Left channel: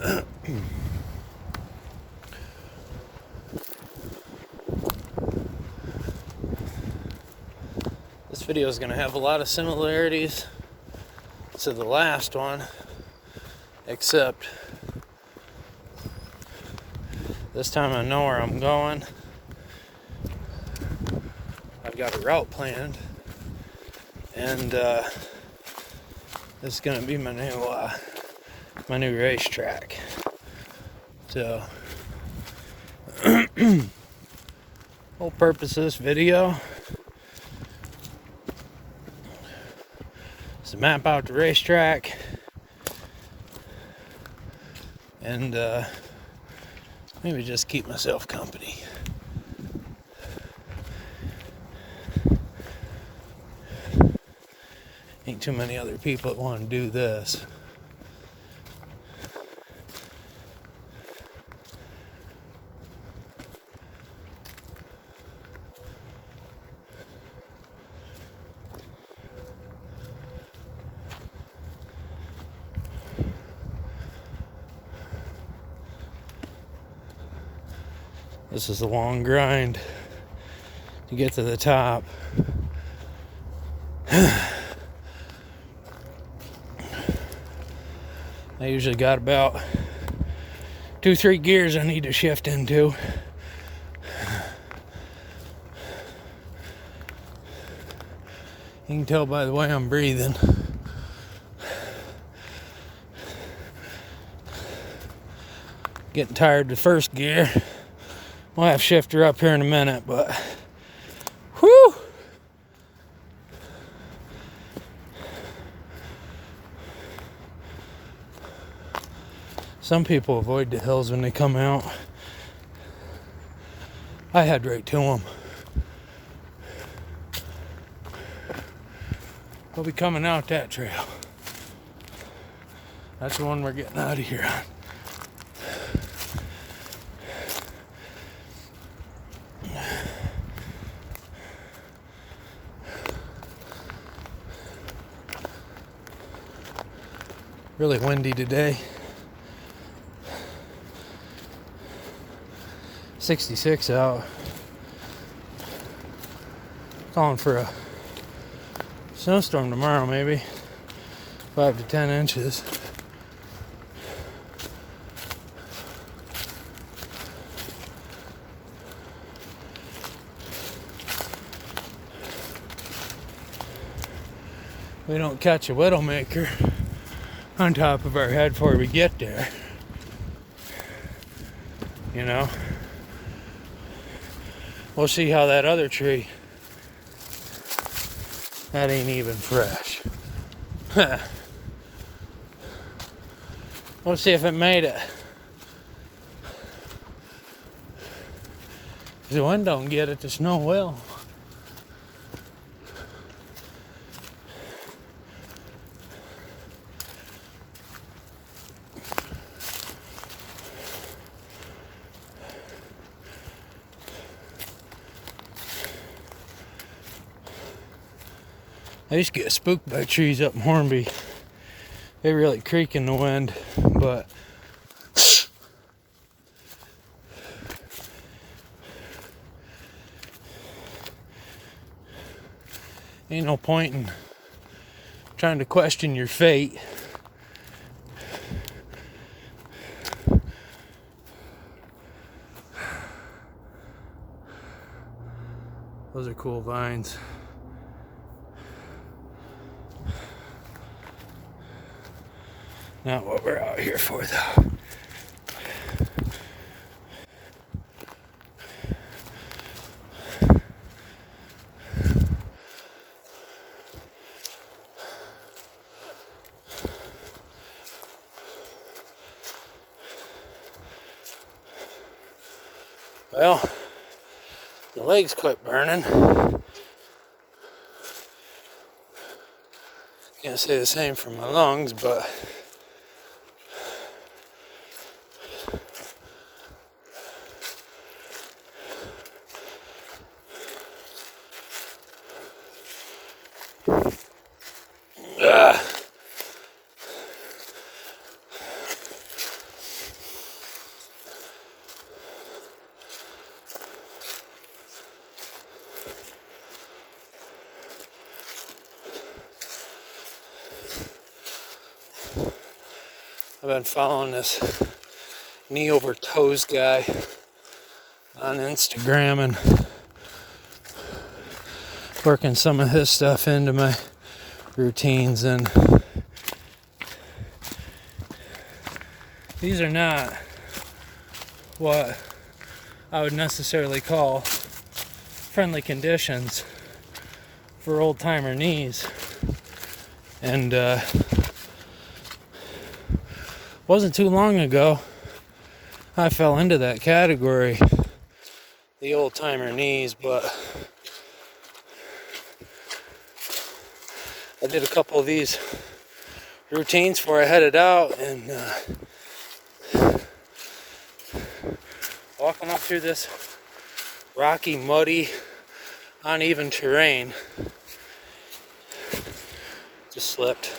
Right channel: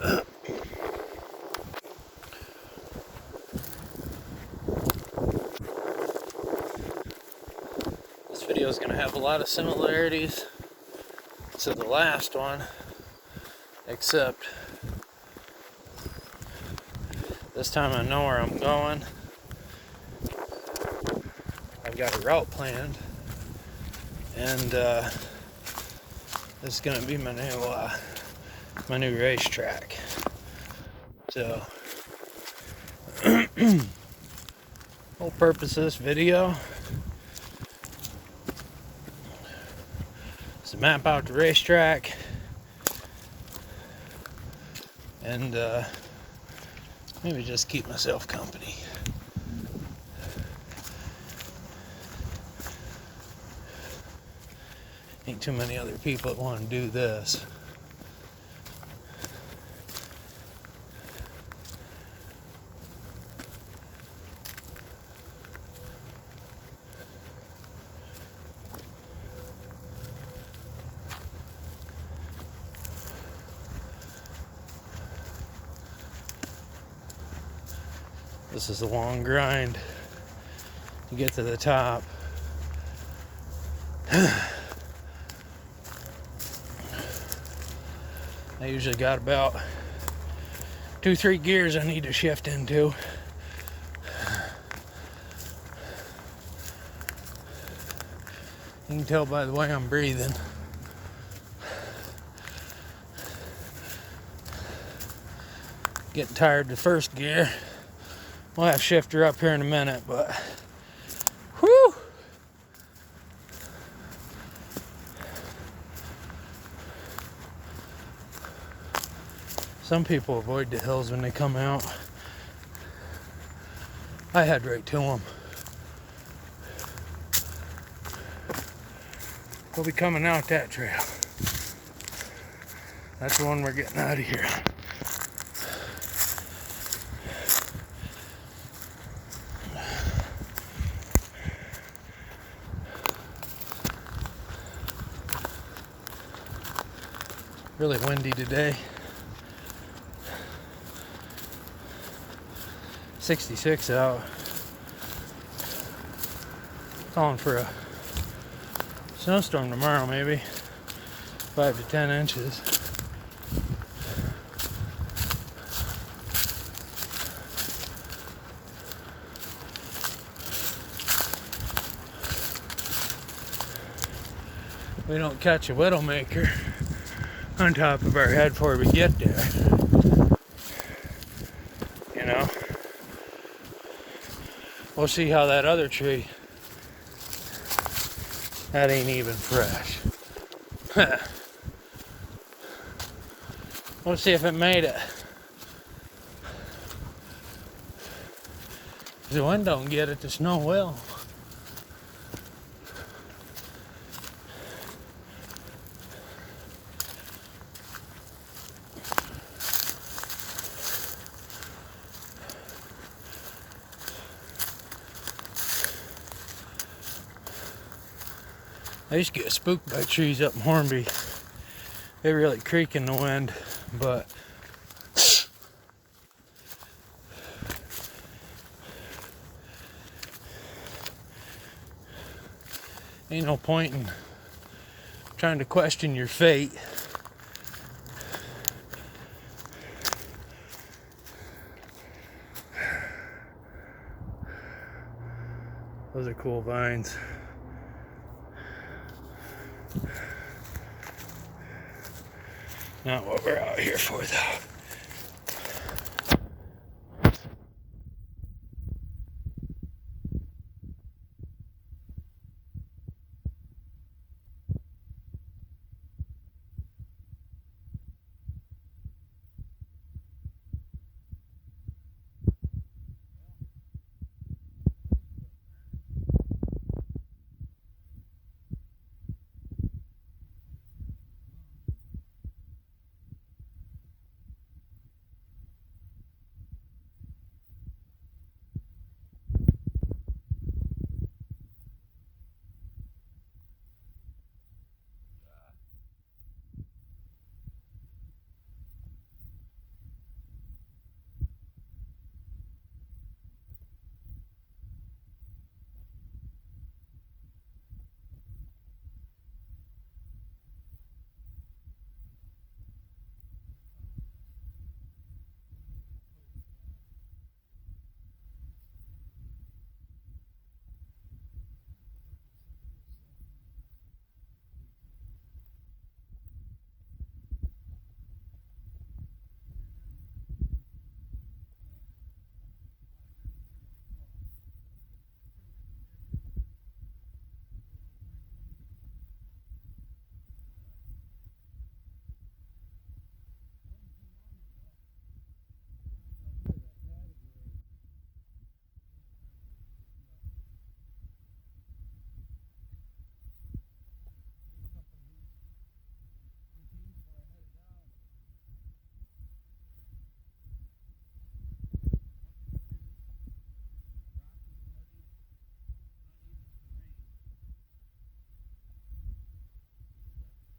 This video is going to have a lot of similarities to the last one, except this time I know where I'm going. I've got a route planned, and this is going to be my new racetrack. So, whole purpose of this video is to map out the racetrack and maybe just keep myself company. Ain't too many other people that want to do this. This is a long grind to get to the top. I usually got about 2-3 gears I need to shift into. You can tell by the way I'm breathing. Getting tired of the first gear. We'll have shifter up here in a minute, but whew! Some people avoid the hills when they come out. I head right to them. We'll be coming out that trail. That's the one we're getting out of here on. Really windy today. 66 out. Calling for a snowstorm tomorrow, maybe 5 to 10 inches. We don't catch a widowmaker on top of our head before we get there. You know? We'll see how that other tree, that ain't even fresh. We'll see if it made it. If the wind don't get it, the snow will. I used to get spooked by trees up in Hornby. They really creak in the wind, but ain't no point in trying to question your fate. Those are cool vines. Not what we're out here for, though. Well, the legs quit burning. Can't say the same for my lungs, but I've been following this knee over toes guy on Instagram and working some of his stuff into my routines, and these are not what I would necessarily call friendly conditions for old timer knees. And wasn't too long ago I fell into that category, the old timer knees, but I did a couple of these routines before I headed out, and walking up through this rocky, muddy, uneven terrain, just slipped.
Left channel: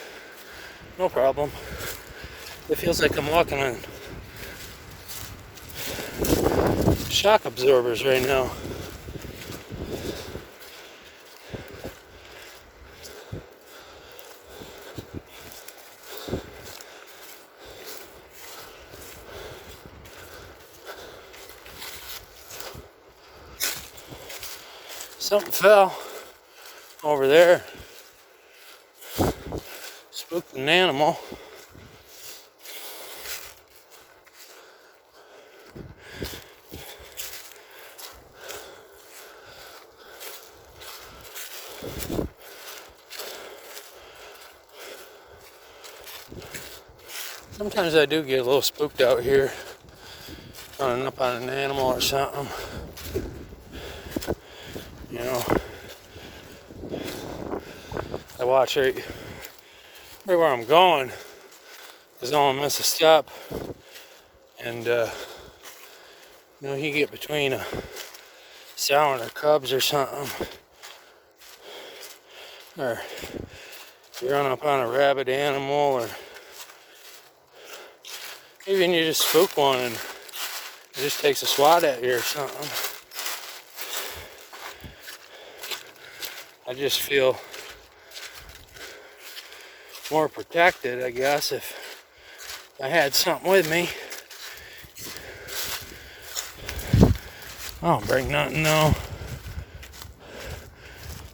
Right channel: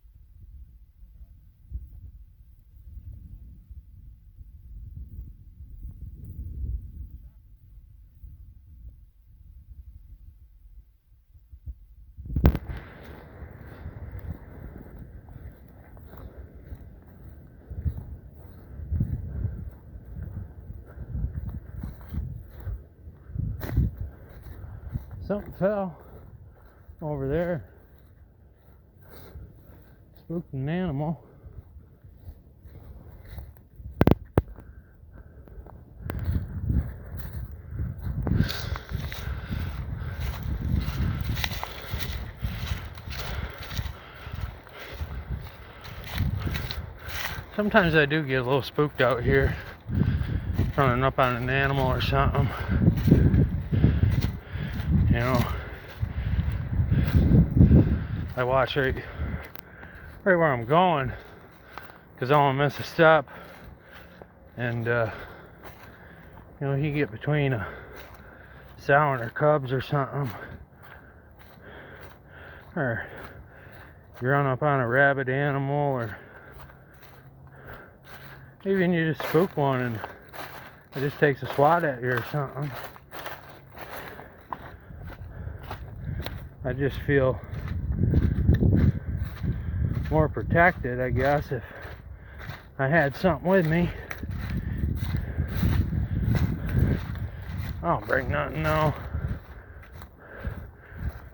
No problem. It feels like I'm walking on shock absorbers right now. Something fell over there. Spooked an animal. Sometimes I do get a little spooked out here, running up on an animal or something. You know, I watch right where I'm going, because I don't want to miss a step. And you know, you get between a sow and her cubs or something, or you run up on a rabid animal, or even you just spook one and it just takes a swat at you or something. I just feel more protected, I guess, if I had something with me. I don't bring nothing, no.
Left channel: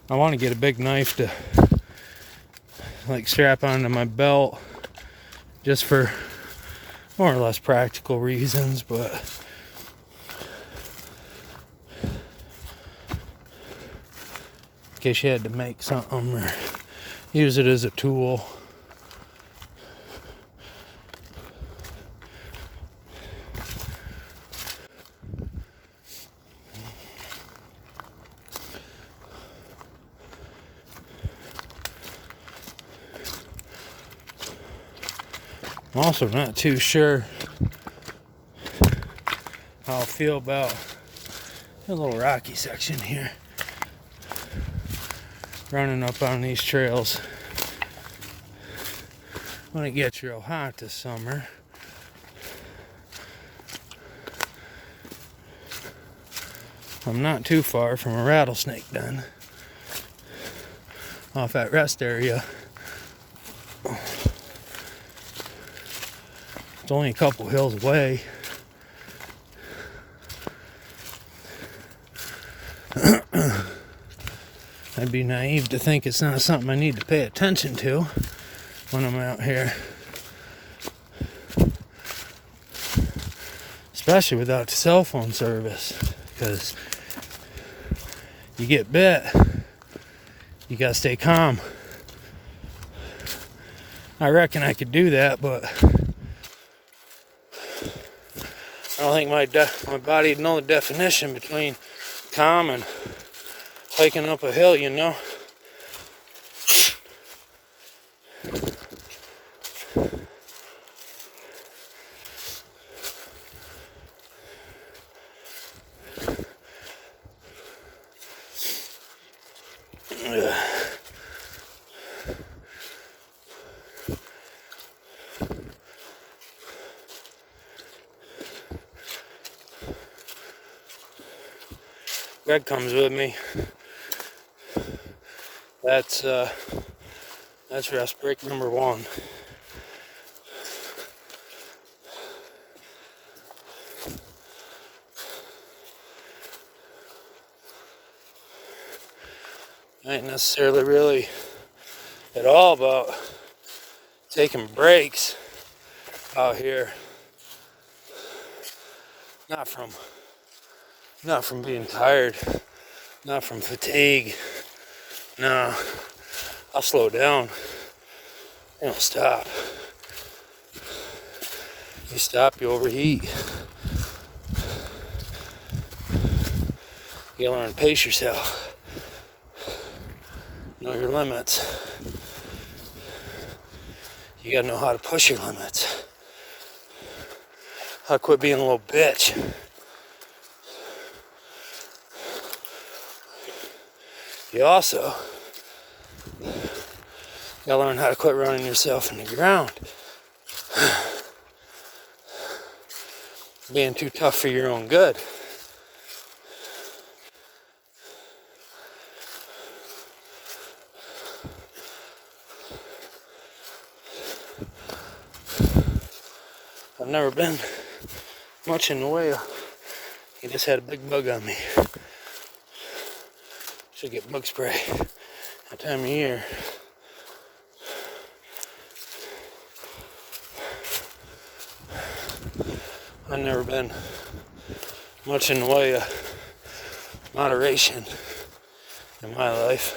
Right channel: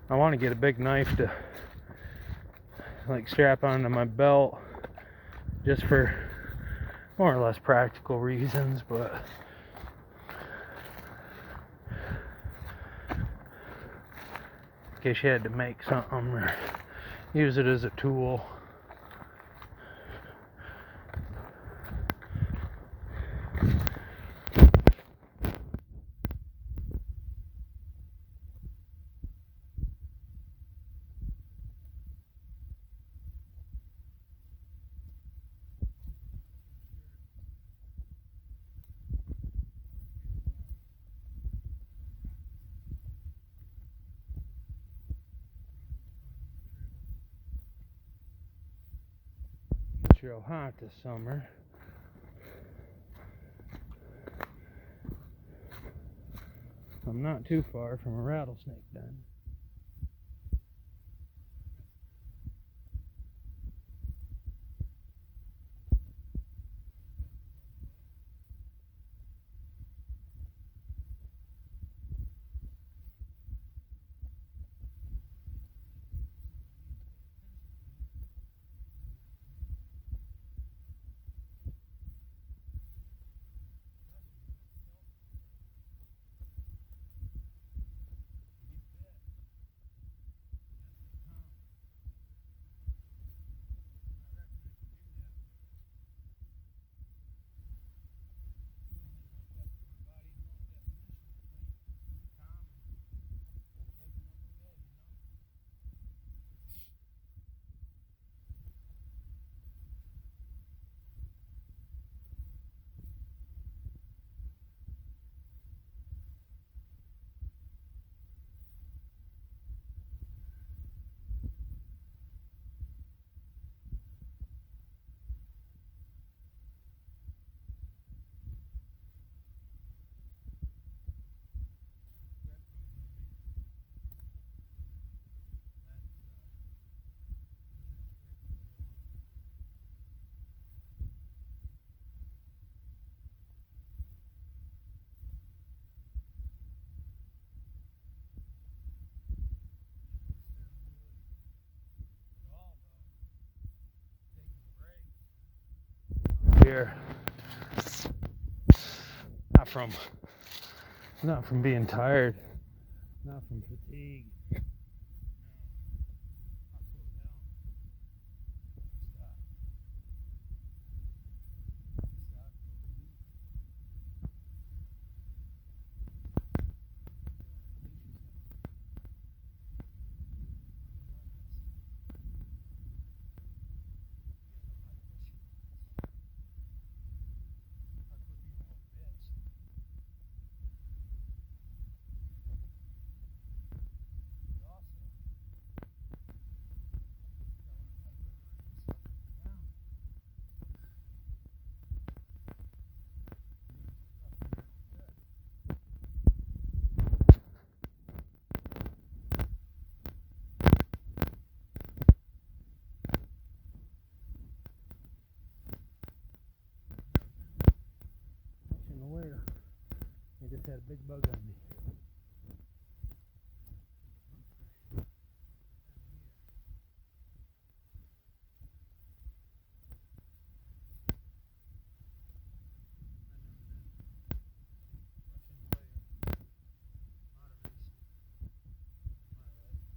I want to get a big knife to like strap onto my belt, just for more or less practical reasons, but in case you had to make something or use it as a tool. I'm also not too sure how I feel about a little rocky section here. Running up on these trails when it gets real hot this summer. I'm not too far from a rattlesnake den off that rest area. It's only a couple hills away. I'd be naive to think it's not something I need to pay attention to when I'm out here. Especially without the cell phone service, because you get bit, you gotta stay calm. I reckon I could do that, but I don't think my body'd know the definition between calm and hiking up a hill, you know. Greg comes with me. That's rest break number 1. ain't necessarily really at all about taking breaks out here. Not from being tired, not from fatigue. No, I'll slow down. You don't stop. You stop, you overheat. You gotta learn to pace yourself. Know your limits. You gotta know how to push your limits. How to quit being a little bitch. You also gotta learn how to quit running yourself in the ground. Being too tough for your own good. I've never been much in the way of, he just had a big bug on me. Should get bug spray that time of year. I've never been much in the way of moderation in my life.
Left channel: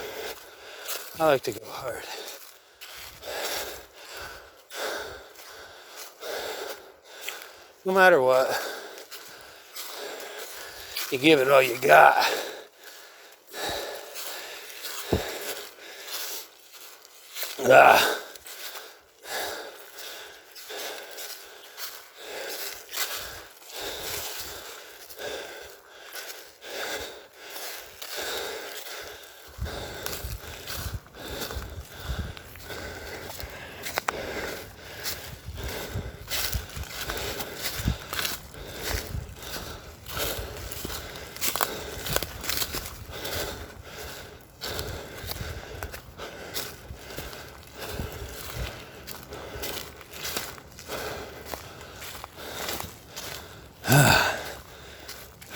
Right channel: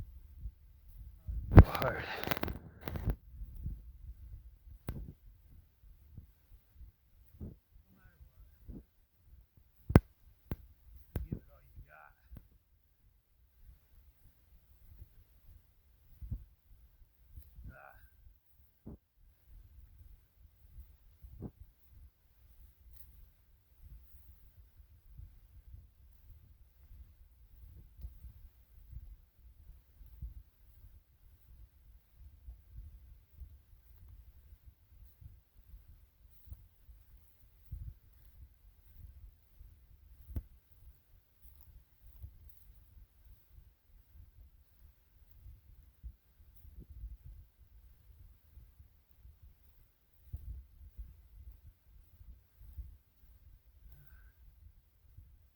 I like to go hard. No matter what, you give it all you got.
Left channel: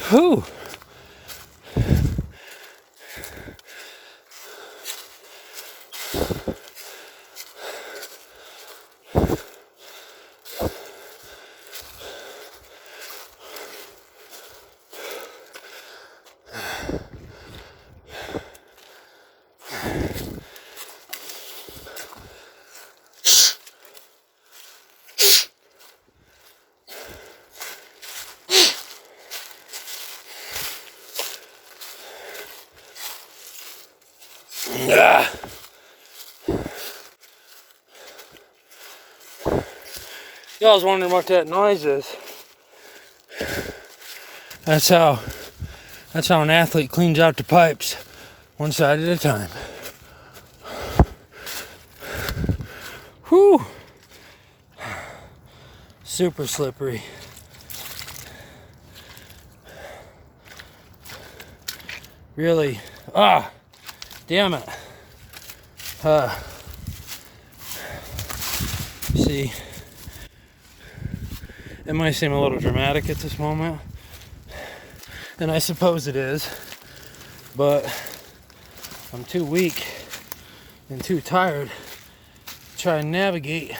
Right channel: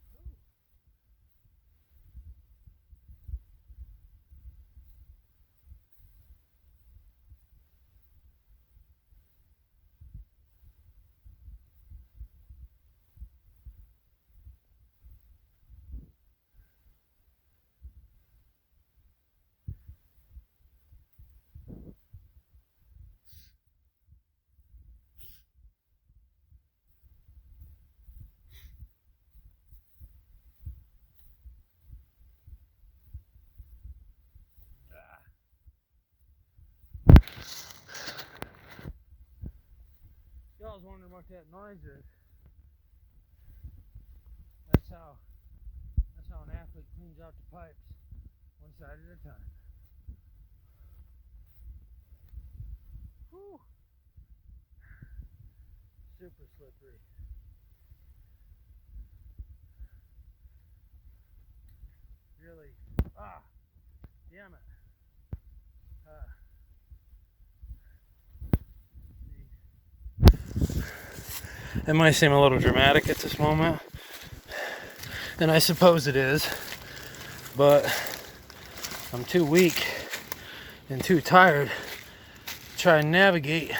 Whew. Y'all was wondering what that noise is. That's how an athlete cleans out the pipes, one side at a time. Whew. Super slippery. Really, damn it. See, it might seem a little dramatic at this moment, and I suppose it is, but I'm too weak and too tired to try and navigate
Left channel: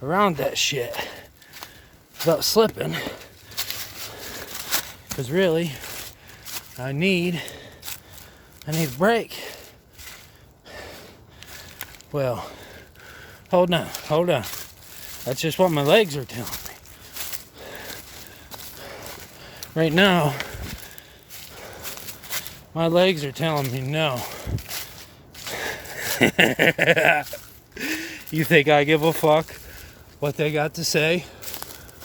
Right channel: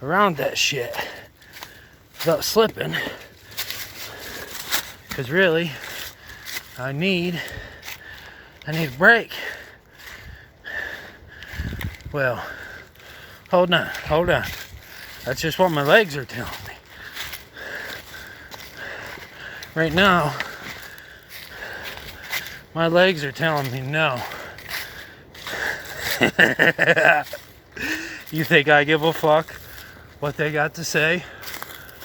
around that shit without slipping, because really, I need a break. Well, hold on. That's just what my legs are telling me. Right now, my legs are telling me no. You think I give a fuck what they got to say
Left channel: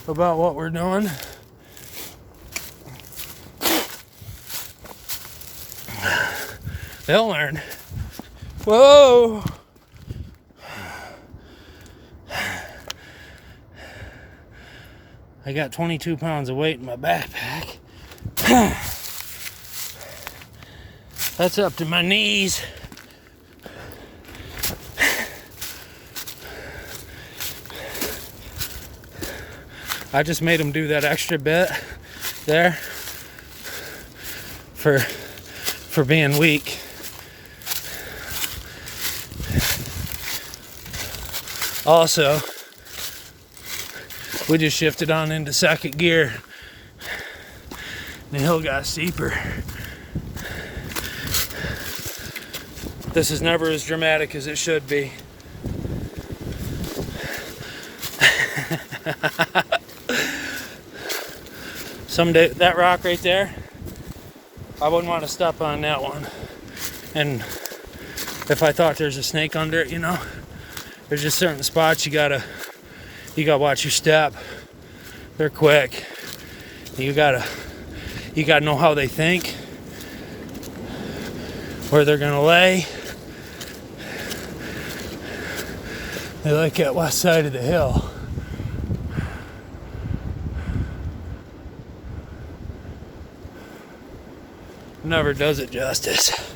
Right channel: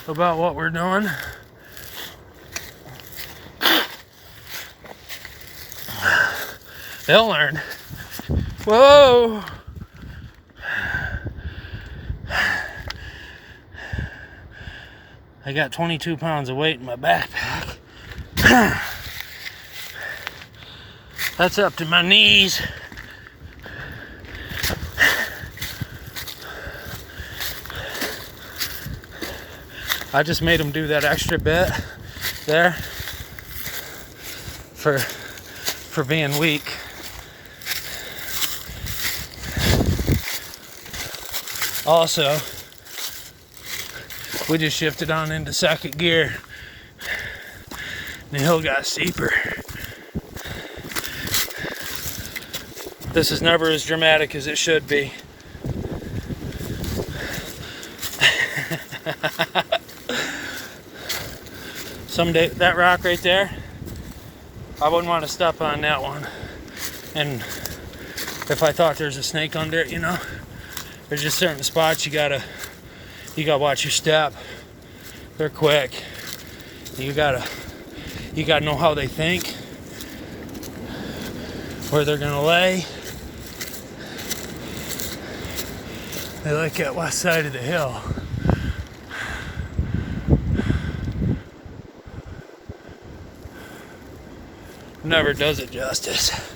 about what we're doing? They'll learn. Whoa! I got 22 pounds of weight in my backpack. That's up to my knees. I just made them do that extra bit there for being weak. Also, we just shifted on into second gear. The hill got steeper. This is never as dramatic as it should be. Someday, that rock right there, I wouldn't want to step on that one. And if I thought there's a snake under it, you know, there's just certain spots you gotta watch your step. They're quick. You gotta know how they think, where they're gonna lay. They like that west side of the hill. Never does it justice.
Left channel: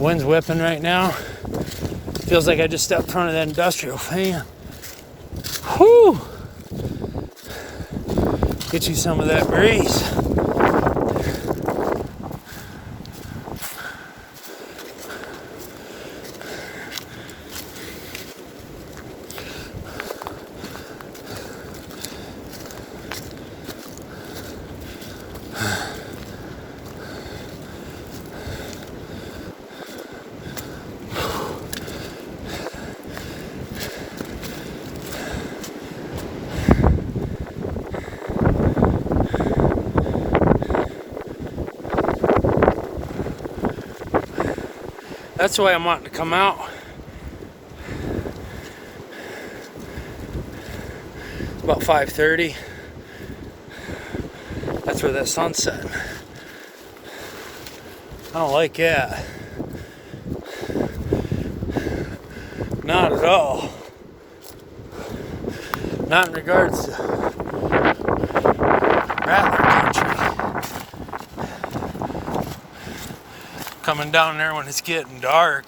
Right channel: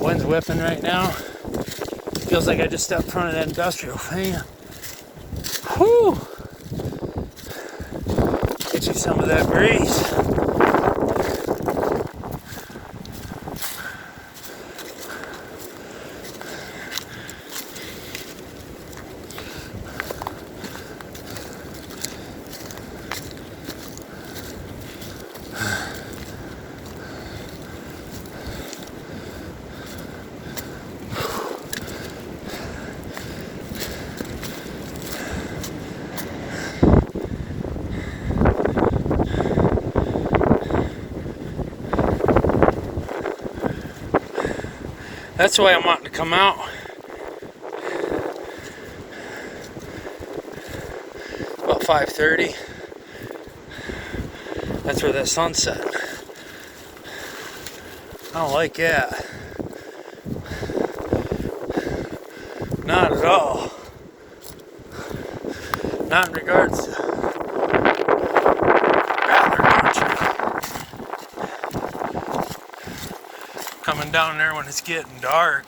Wind's whipping right now. Feels like I just stepped in front of that industrial fan. Whew! Get you some of that breeze. That's the way I'm wanting to come out. About 5:30. That's where that sun's set. I don't like that. Not at all. Not in regards to coming down there when it's getting dark.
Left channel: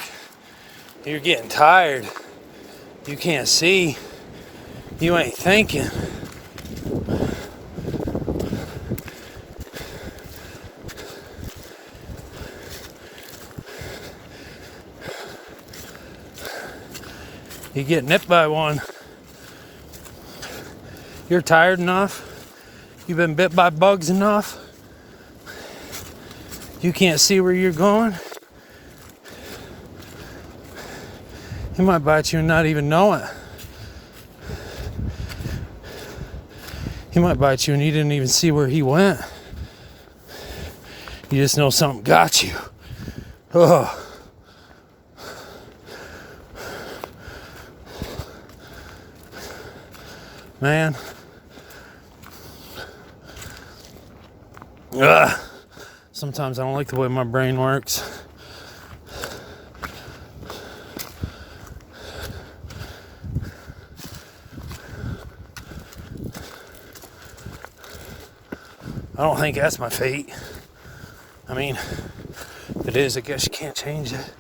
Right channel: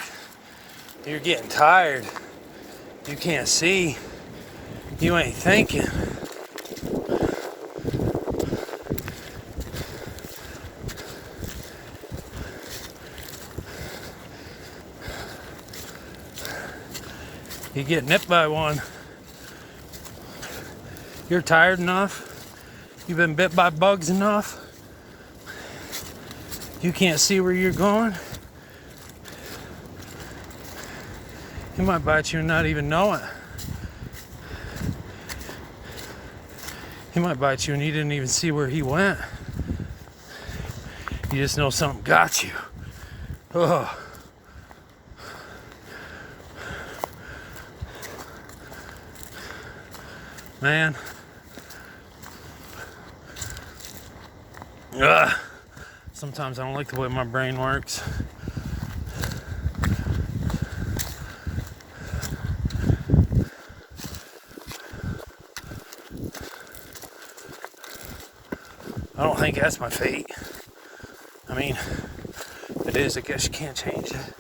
You're getting tired. You can't see. You ain't thinking. You get nipped by one. You're tired enough. You've been bit by bugs enough. You can't see where you're going. He might bite you and not even know it. He might bite you and you didn't even see where he went. You just know something got you. Oh. Man. Ugh. Sometimes I don't like the way my brain works. I don't think that's my fate. I mean, if it is, I guess you can't change it.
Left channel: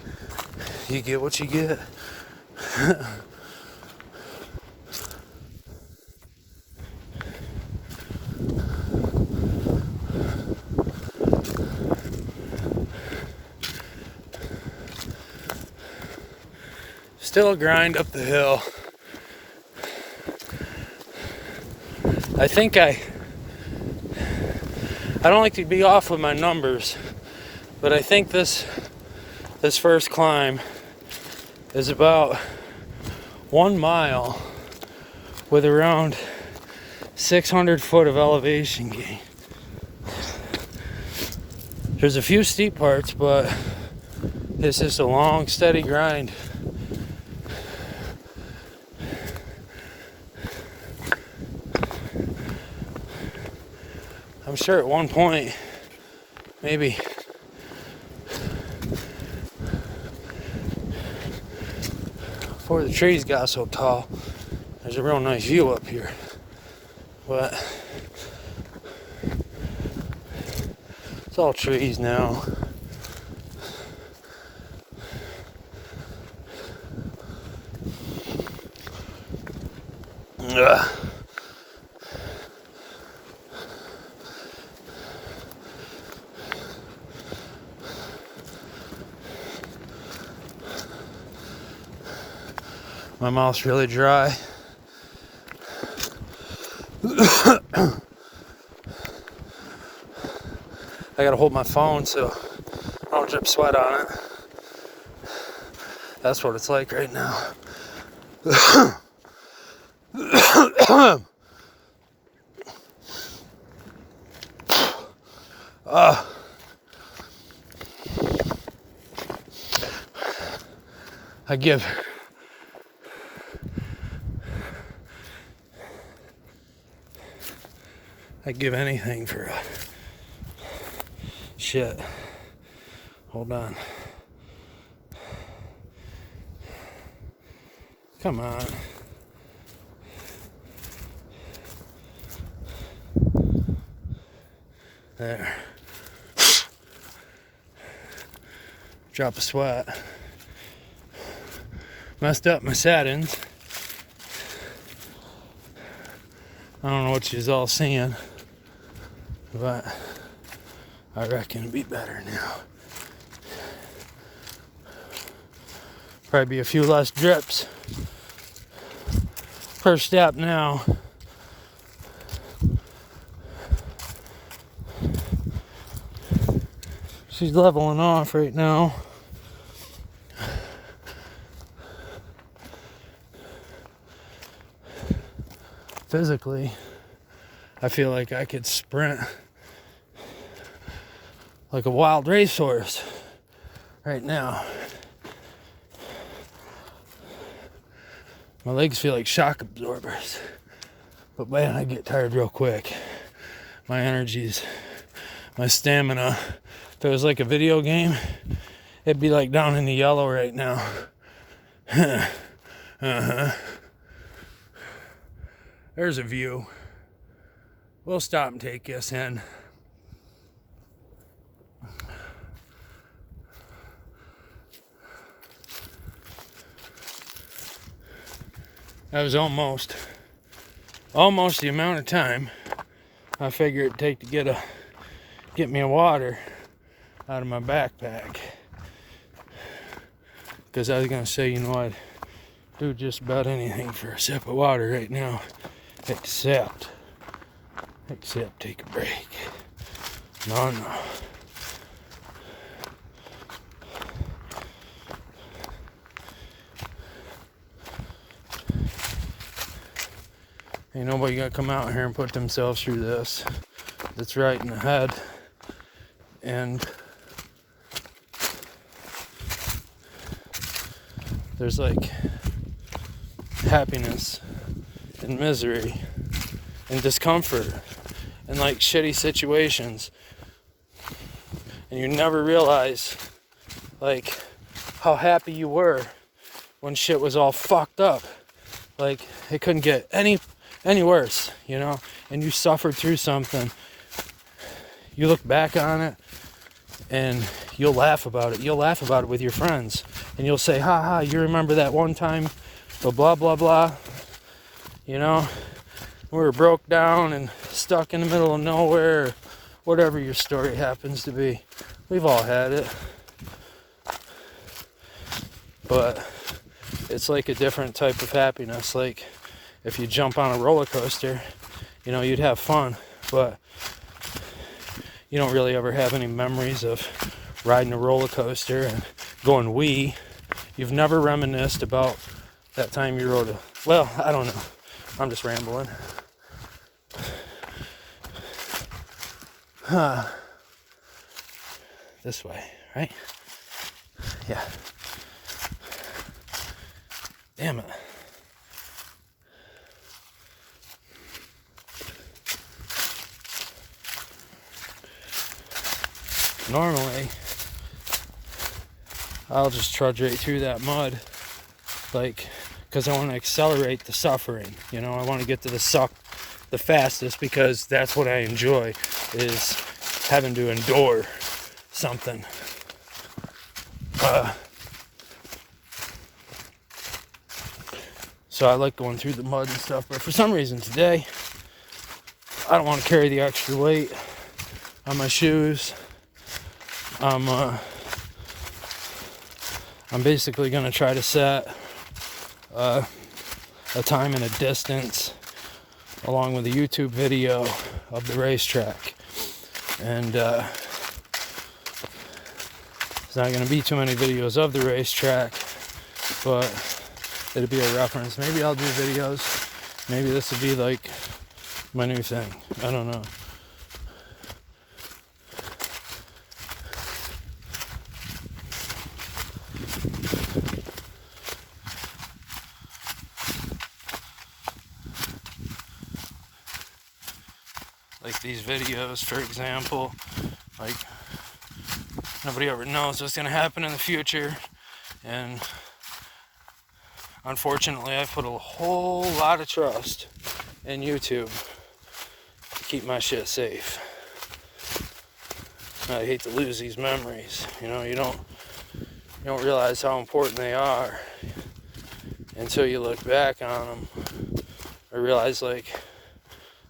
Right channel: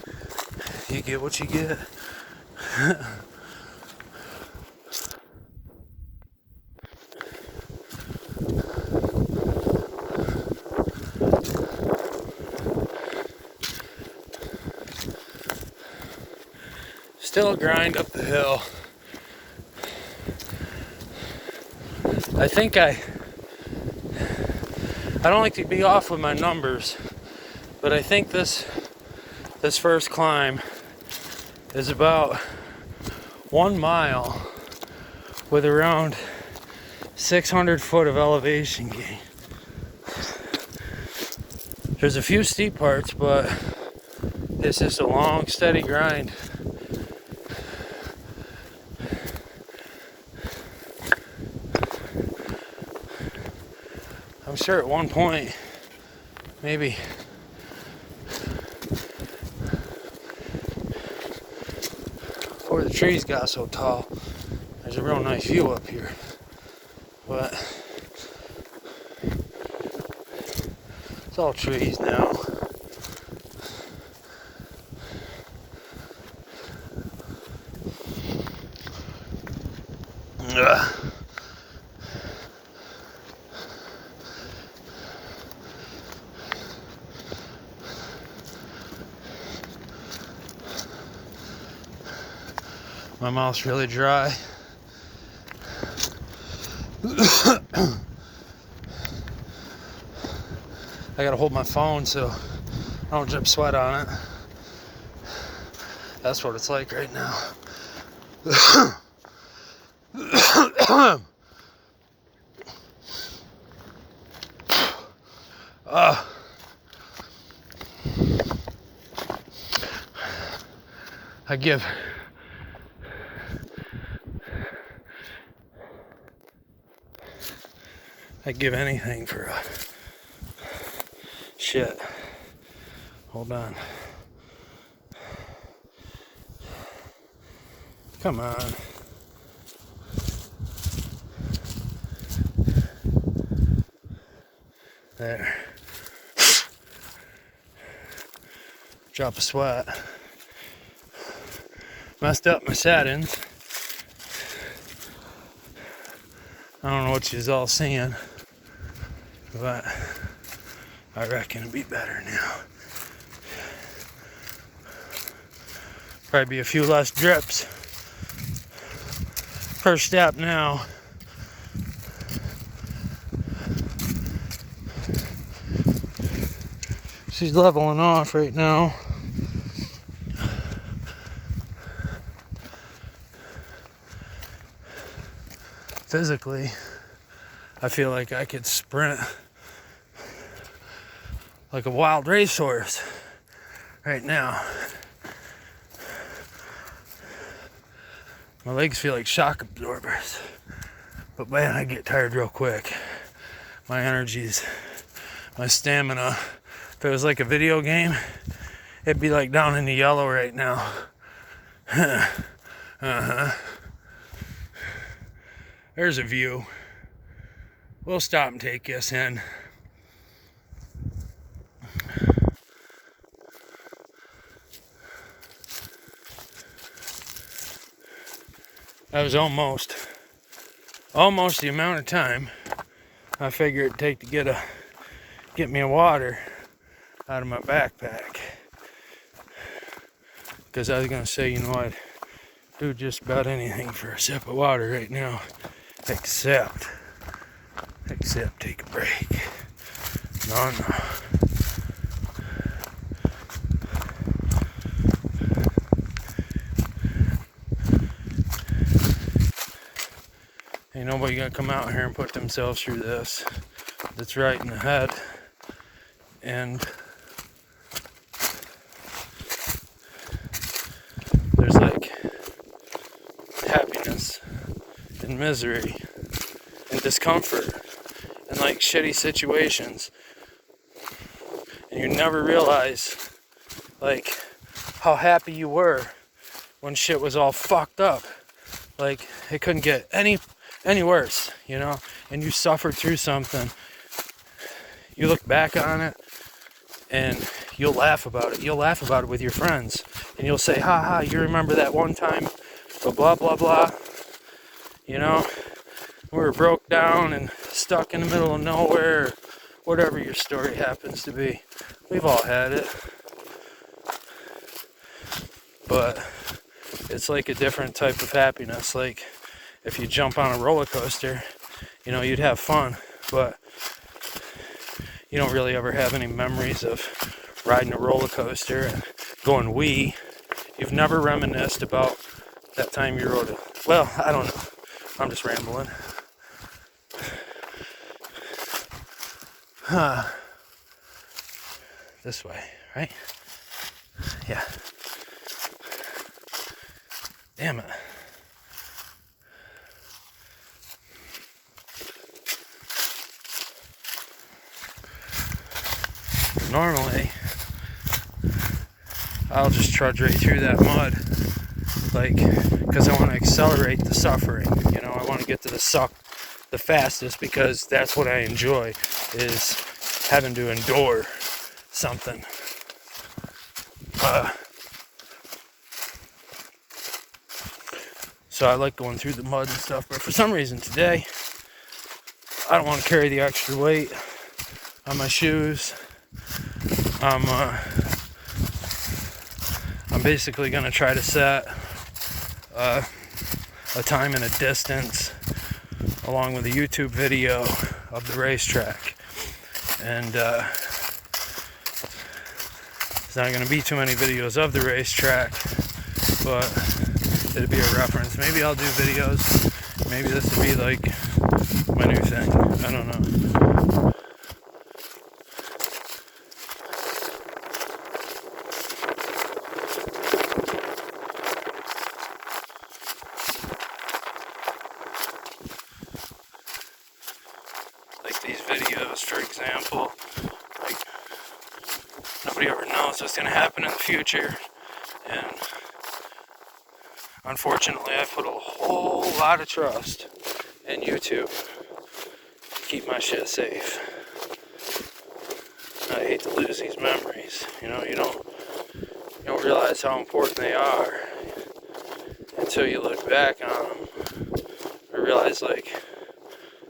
You get what you get. Still a grind up the hill. I think I don't like to be off with my numbers, but I think this first climb is about 1 mile with around 600 foot of elevation gain. There's a few steep parts, but it's just a long, steady grind. I'm sure at one point, maybe before the trees got so tall, there's a real nice view up here. But it's all trees now. Ugh. My mouth's really dry. I gotta hold my phone so I don't drip sweat on it. That's what it's like right now. I give anything for a shit. Hold on. Come on. There. Drop a sweat. Messed up my settings. I don't know what you's all seeing, but I reckon it'll be better now. Probably be a few less drips per step now. She's leveling off right now. Physically, I feel like I could sprint like a wild racehorse right now. My legs feel like shock absorbers, but man, I get tired real quick. My energies, my stamina, if it was like a video game, it'd be like down in the yellow right now. There's a view. We'll stop and take this in. That was almost the amount of time I figured it'd take to get me a water out of my backpack. Because I was gonna say, you know, I'd do just about anything for a sip of water right now, except take a break. No. Ain't nobody gonna come out here and put themselves through this. That's right in the head. And there's like happiness and misery and discomfort and like shitty situations. And you never realize like how happy you were when shit was all fucked up. Like it couldn't get any worse, you know, and you suffered through something. You look back on it and you'll laugh about it. You'll laugh about it with your friends and you'll say, ha ha, you remember that one time, blah blah blah, you know, we were broke down and stuck in the middle of nowhere, whatever your story happens to be. We've all had it, but it's like a different type of happiness. Like if you jump on a roller coaster, you know, you'd have fun, but you don't really ever have any memories of riding a roller coaster and going wee. You've never reminisced about that time you rode well, I don't know. I'm just rambling. This way, right? Yeah. Damn it. Normally, I'll just trudge right through that mud, like, because I want to accelerate the suffering, you know, I want to get to the suck the fastest, because that's what I enjoy, is having to endure something. So I like going through the mud and stuff, but for some reason today, I don't want to carry the extra weight on my shoes. I'm basically going to try to set a time and a distance along with a YouTube video of the racetrack. And there's not going to be too many videos of the racetrack, but it'll be a reference. Maybe I'll do videos. Maybe this will be like my new thing. I don't know. Like these videos, for example, like nobody ever knows what's going to happen in the future, and unfortunately I've put a whole lot of trust in YouTube to keep my shit safe. I hate to lose these memories. You know, you don't realize how important they are until you look back on them or realize like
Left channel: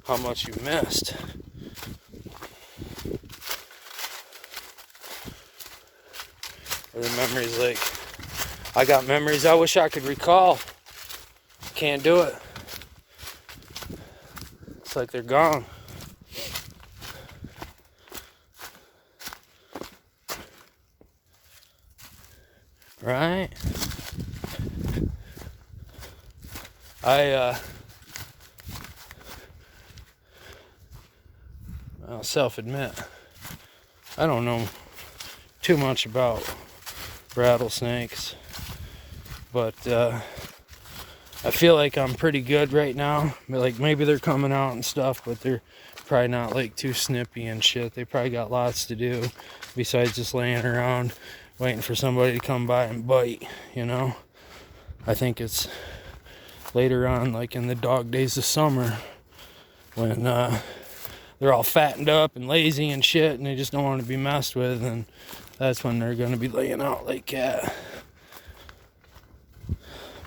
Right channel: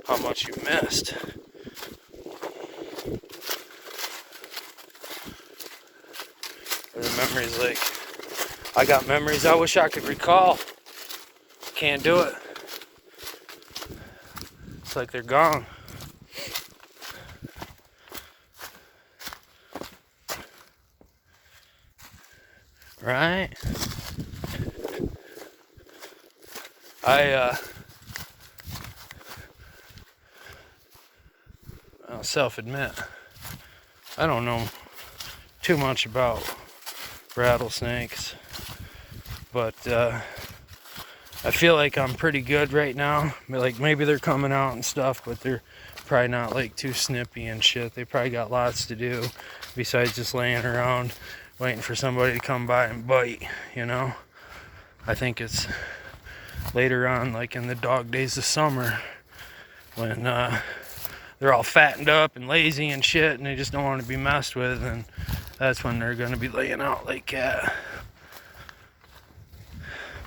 how much you missed. Or the memories, like, I got memories I wish I could recall. Can't do it. It's like they're gone. Right? I'll self-admit, I don't know too much about rattlesnakes, but I feel like I'm pretty good right now. Like maybe they're coming out and stuff, but they're probably not like too snippy and shit. They probably got lots to do besides just laying around waiting for somebody to come by and bite, you know. I think it's later on, like in the dog days of summer, when they're all fattened up and lazy and shit and they just don't want to be messed with, and that's when they're going to be laying out like that.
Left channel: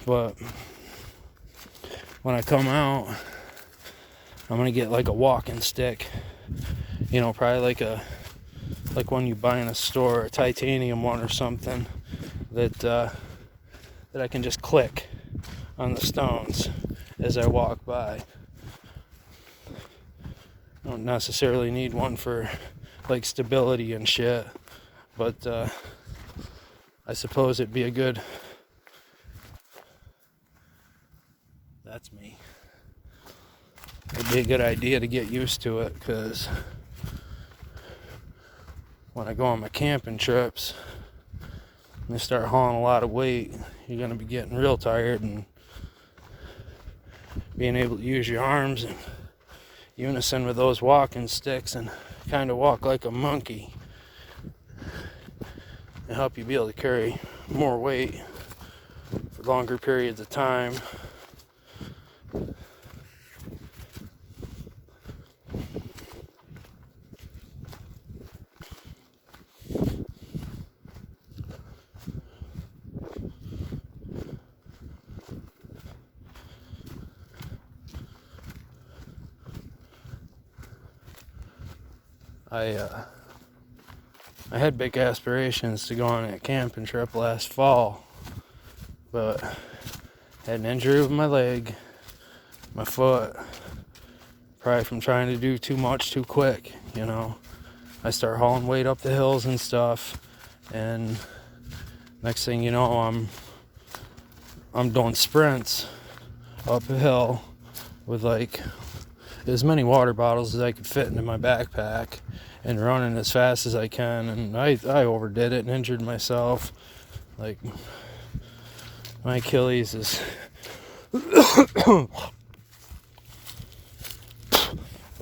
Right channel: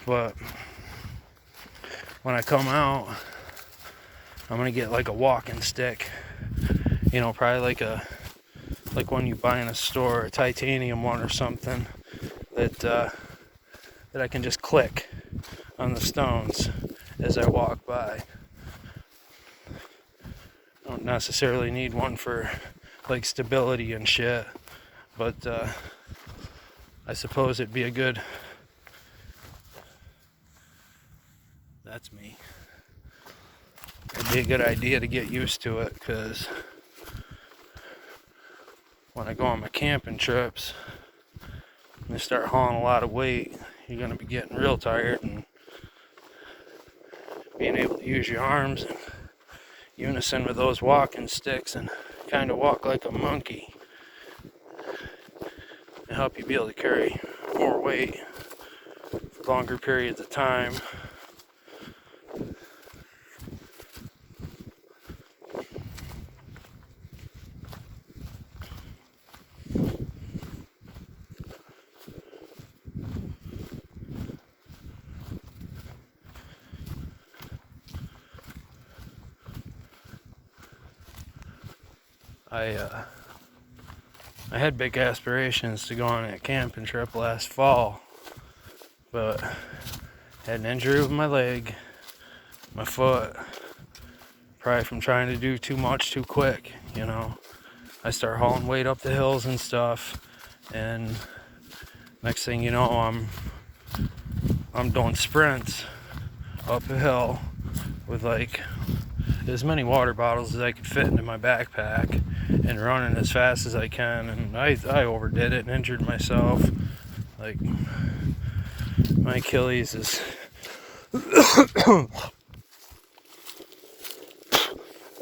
But when I come out, I'm going to get like a walking stick, you know, probably like one you buy in a store, a titanium one or something, that I can just click on the stones as I walk by. I don't necessarily need one for like stability and shit, but I suppose it'd be a good, that's me, it'd be a good idea to get used to it, because when I go on my camping trips and I start hauling a lot of weight, you're going to be getting real tired, and being able to use your arms in unison with those walking sticks and kind of walk like a monkey and help you be able to carry more weight for longer periods of time. I had big aspirations to go on a camping trip last fall, but had an injury with my leg, my foot, probably from trying to do too much too quick, you know. I start hauling weight up the hills and stuff, and next thing you know, I'm doing sprints up a hill with like as many water bottles as I could fit into my backpack and running as fast as I can, and I overdid it and injured myself. Like, my Achilles is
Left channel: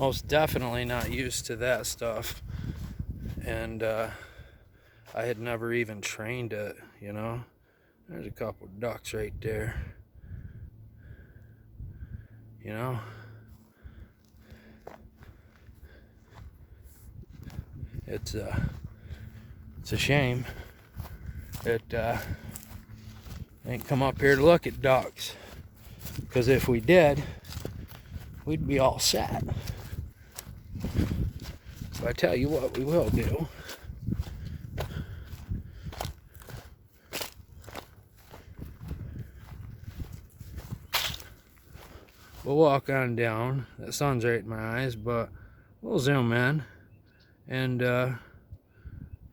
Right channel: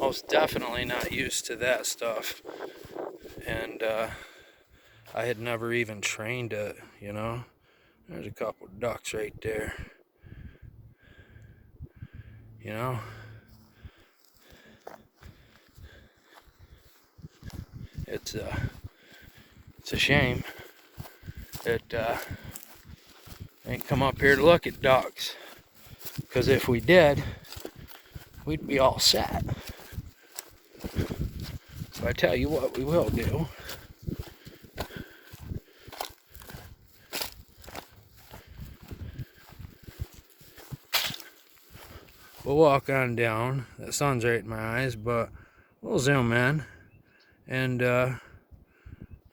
most definitely not used to that stuff, and I had never even trained it, you know. There's a couple ducks right there, you know. It's a shame that we ain't come up here to look at ducks, because if we did, we'd be all set. So I tell you what we will do. we'll walk on down. The sun's right in my eyes, but we'll zoom in. And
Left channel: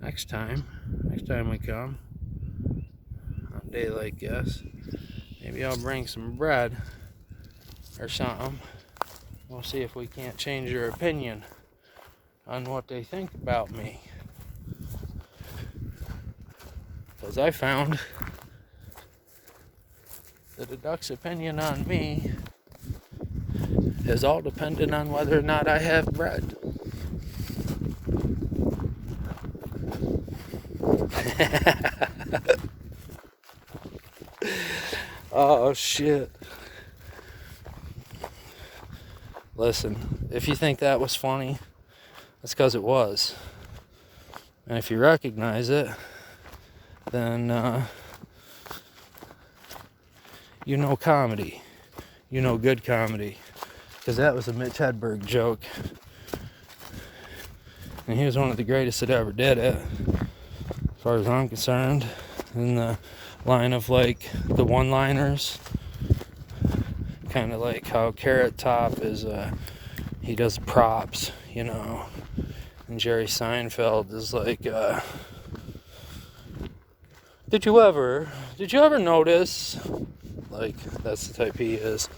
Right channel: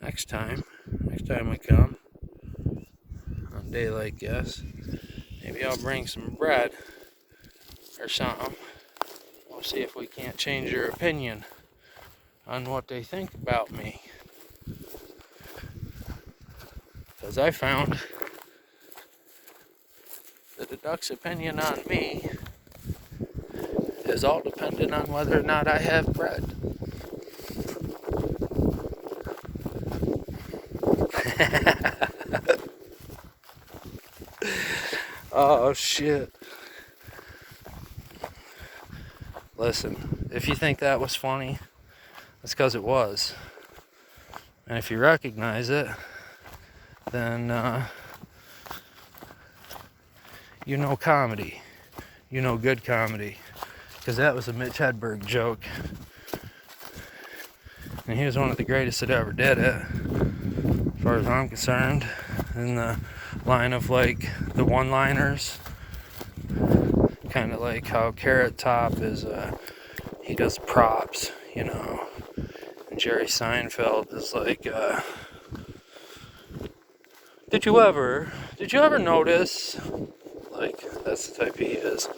next time we come, on a day like this, maybe I'll bring some bread or something. We'll see if we can't change their opinion on what they think about me. Because I found that the duck's opinion on me is all dependent on whether or not I have bread. Oh shit. Listen, if you think that was funny, that's because it was. And if you recognize it, then you know comedy. You know good comedy. Because that was a Mitch Hedberg joke. And he was one of the greatest that ever did it, as far as I'm concerned. In the line of like the one-liners. Kind of like how Carrot Top is, he does props, you know. And Jerry Seinfeld is like, did you ever notice? Like, that's the type he is.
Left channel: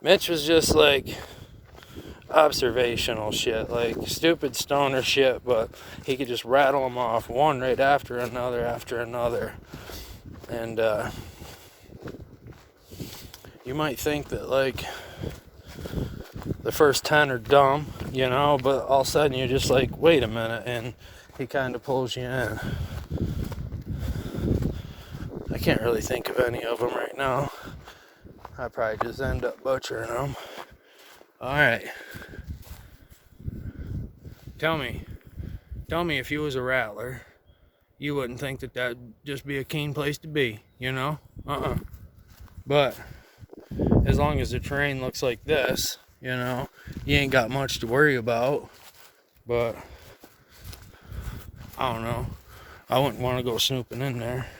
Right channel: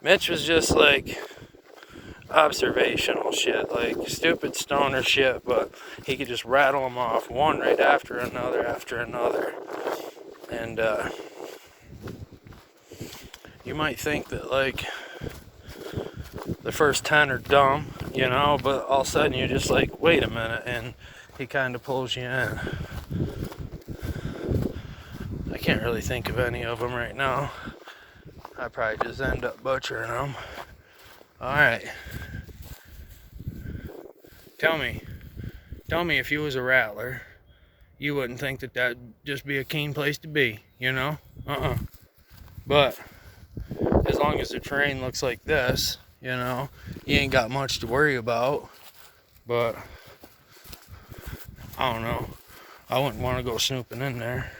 Mitch was just like observational shit, like stupid stoner shit, but he could just rattle them off one right after another. And you might think that like the first 10 are dumb, you know, but all of a sudden you're just like, wait a minute, and he kind of pulls you in. I can't really think of any of them right now. I probably just end up butchering them. Alright. Tell me if you was a rattler, you wouldn't think that that'd just be a keen place to be, you know? But as long as the terrain looks like this, you know, you ain't got much to worry about. But I don't know. I wouldn't want to go snooping in there.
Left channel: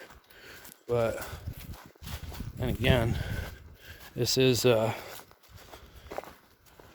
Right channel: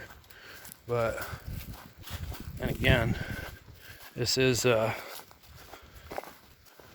But, and again, this is